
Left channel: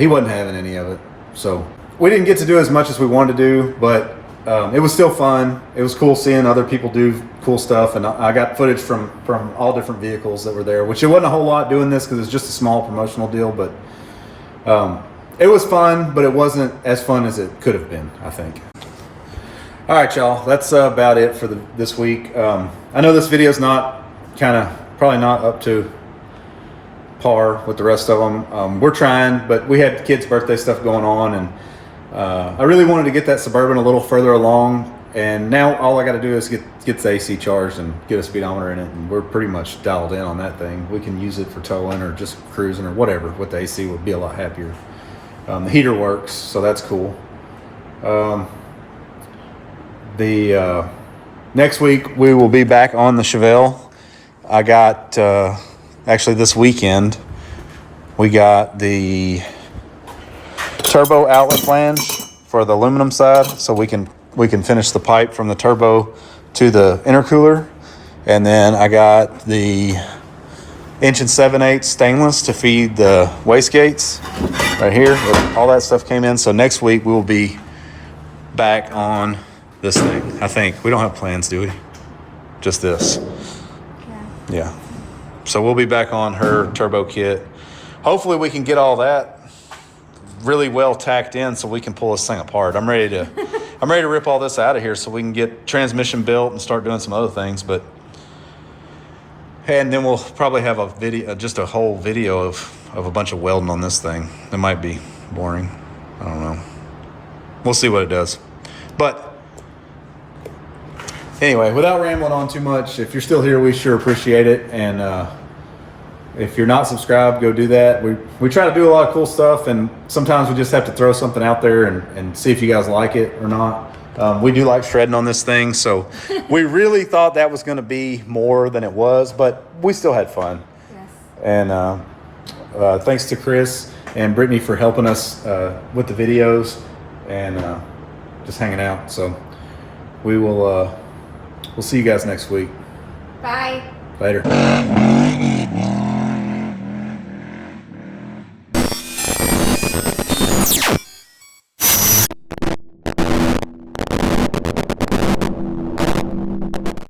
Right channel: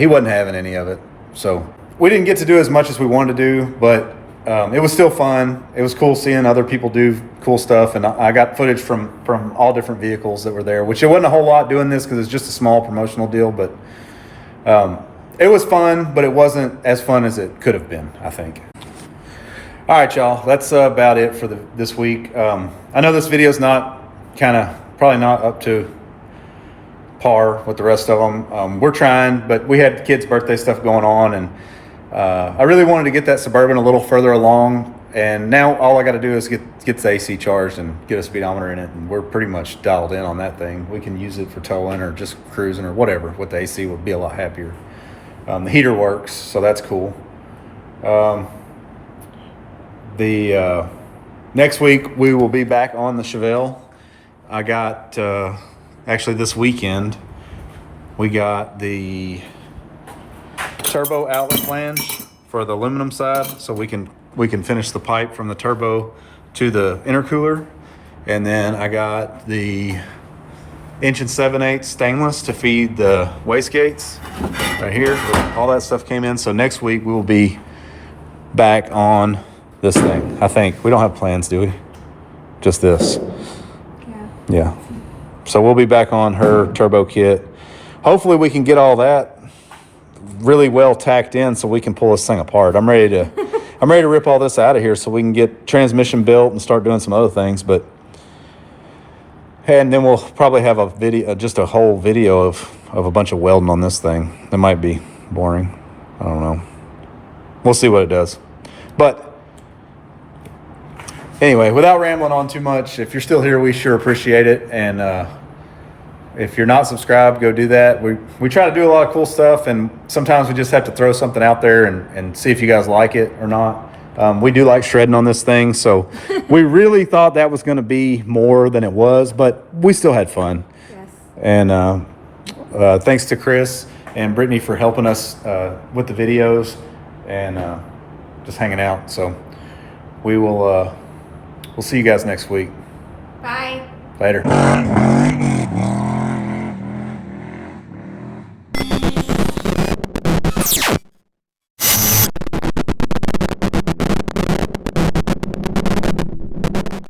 He wasn't having any of it, so we didn't get to do as much as we wanted to do, but it was still fun. It was cool seeing other people do cool stuff, and I got footage from all different vehicles that were there, which it wasn't a whole lot doing this because it's just a small promotional deal, but it was fun, but it wasn't as fun as it could have been, I think. All right, y'all, that's about it for this week. I know this video is probably not up to par with the rest of them. We're trying, but we had kids' birthday stuff going on, and I really wanted to get that Suburban a little further along, and now all I got to do is get the AC charged and get a speedometer in it, and we're pretty much dialed in on that thing. We can use it for towing or just cruising or whatever. With the AC, would be a lot happier. The heater works, so that's cool. Next week we will be back on the Chevelle. I got actually this weekend we got the turbo outlet flange for the aluminum side, so we can finish the pipe from the turbo to the intercooler, and then I got the 1 7/8 stainless to feed the wastegates right here. All that stuff came in, so next week we will be back on this thing. I think we don't have plans, do we? Just this. Yeah. So we'll be back on her turbo kit. Hopefully we can get all that really well tacked in so we can pull this thing apart. I'm ready to rip all this out of here so we can get transmission built and start doing some other things. And then we'll probably have a video, just a whole video of a bunch of welding on this thing. It might be boring. I don't know. We'll see what it does. But anyway, without rambling on too much, if you're still here, we sure appreciate it. And if you're not subscribed, go do that. We try to do a lot of cool stuff, and sometimes we just have to throw something out there and see if you guys like it or not. We do like shredding on this thing, so we really thought that was going to be more than it was, but we still had fun. Yes. And thanks to Chris and Brittany for helping us with the videos and just hanging out. So we'll see you guys next week. Bye. Later.